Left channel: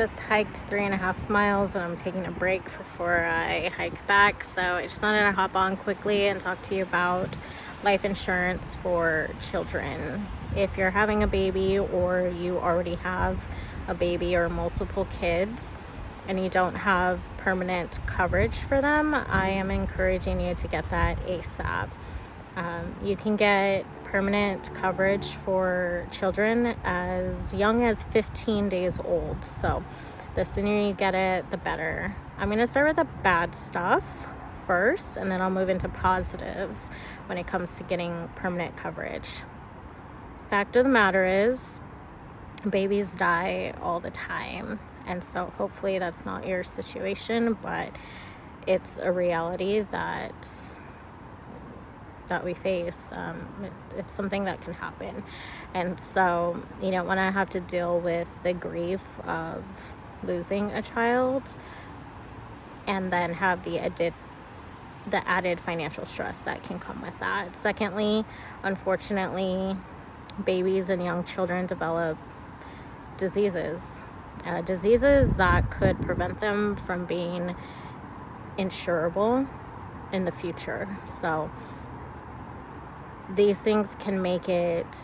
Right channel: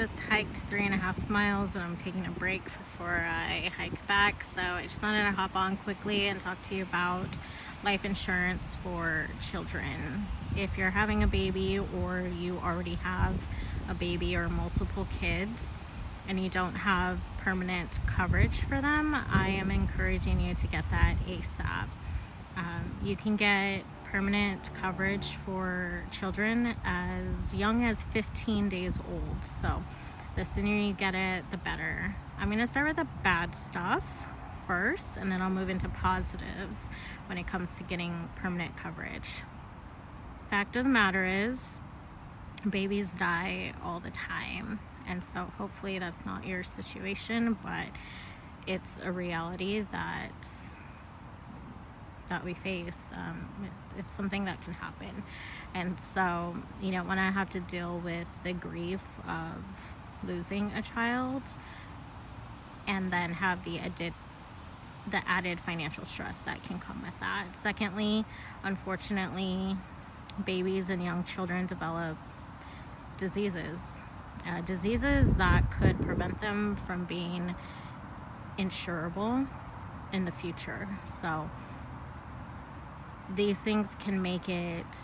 just hiked 3.5 miles and I'm taking a break before I hike back. So I just wanted to hop on quickly and talk to you about life insurance for children. If you're having a baby or you already have a baby or multiple kids and you don't have permanent coverage for them, I am encouraging you to get that ASAP. You can get permanent coverage for children as young as 15 days old. So the sooner you get it, the better. I'm going to start with the bad stuff first, and then I'll move into positives when it comes to getting permanent coverage. Fact of the matter is, babies die all the time. And so hopefully that's not your situation, but it's a reality that we face. It's something that can happen. And so you don't want to have to deal with the grief of losing a child and then have the added financial stress that can come with that. Secondly, unfortunately, babies and young children develop diseases that could prevent them from being insurable in the future. So these things can make it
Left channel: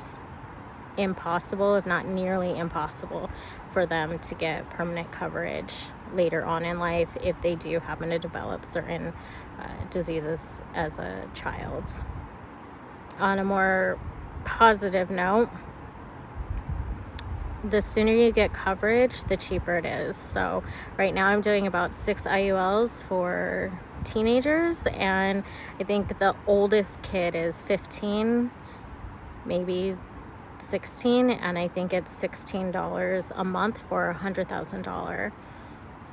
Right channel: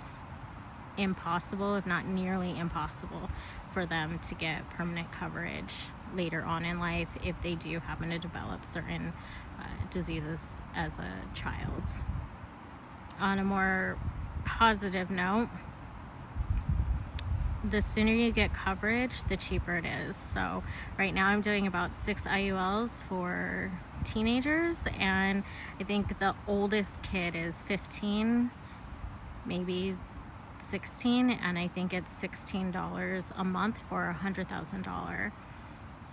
impossible, if not nearly impossible, for them to get permanent coverage later on in life if they do happen to develop certain diseases as a child. On a more positive note, the sooner you get coverage, the cheaper it is. So right now I'm doing about 6 IULs for teenagers, and I think the oldest kid is 15, maybe 16, and I think it's $16 a month for a $100,000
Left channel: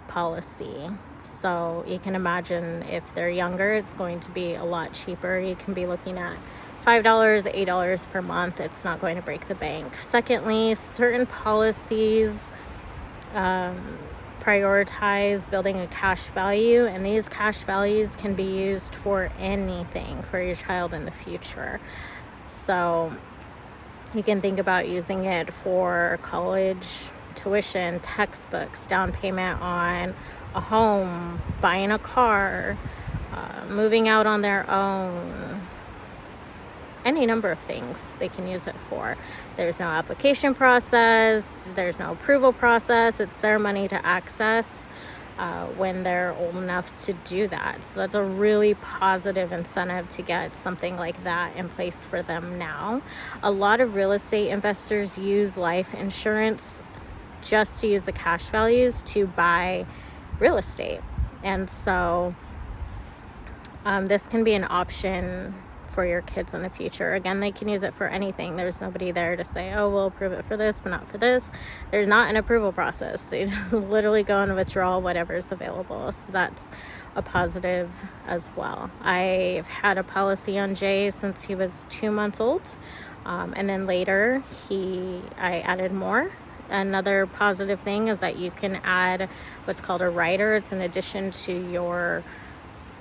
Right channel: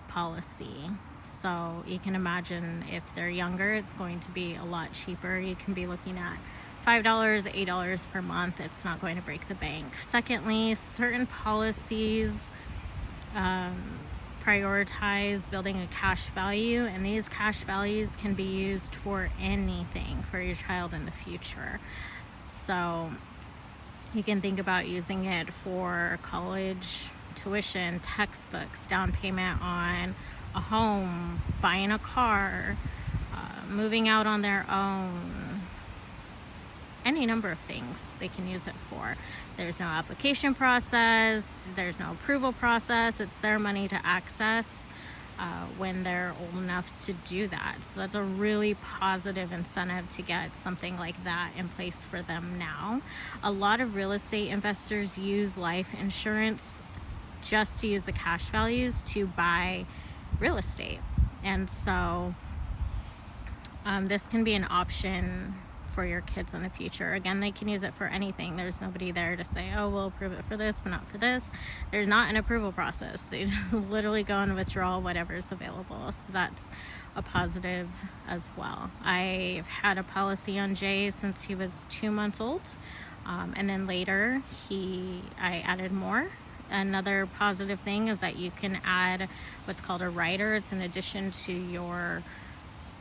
policy. So you can imagine if they're younger, it's going to be a lot cheaper. You can be looking at $5, $8 per month. It's not going to break the bank. Secondly, certain policies prioritize building a cash value, and these cash values can be used for anything for your child in the future. So you can think about using it for college tuition, textbooks, down payment on a home, buying a car, moving out on their own, any number of things they can use it for. There's no application process, there's no approval process. It's their money to access when they're old enough to do that. So that's a really positive incentive to get something like that in place for them now. A lot of real estate investors use life insurance just to use the cash values to buy real estate. And so this can be an option for your kids in the future. Again, they can use it for anything. There's nobody there to say, oh, we'll approve it for this, but not for this. There's not an approval process. They just literally go and withdraw whatever's available. So that's a positive as well. I've had a policy on Jay since he was 2 months old. And then later I added more. Another positive thing is that you can add what's called a rider. It's an addition to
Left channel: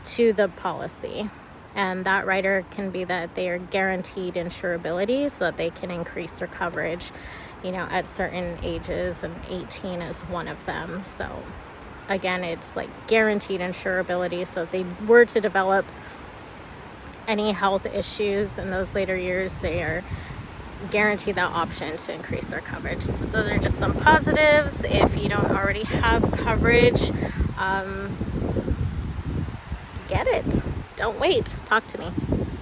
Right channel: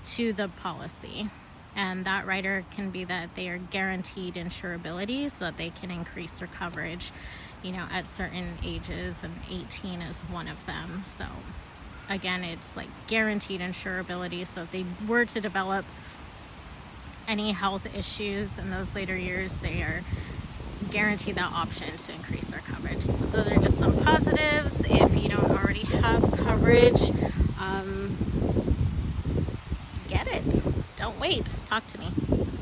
the policy. And that rider can be that they are guaranteed insurability, so that they can increase their coverage, at certain ages, and 18 is one of them. So again, it's like guaranteed insurability. So if they were to develop any health issues in those later years, they are guaranteed that option to increase their coverage. So those are just some positives. If you don't already have coverage, get it. Don't wait. Talk to me.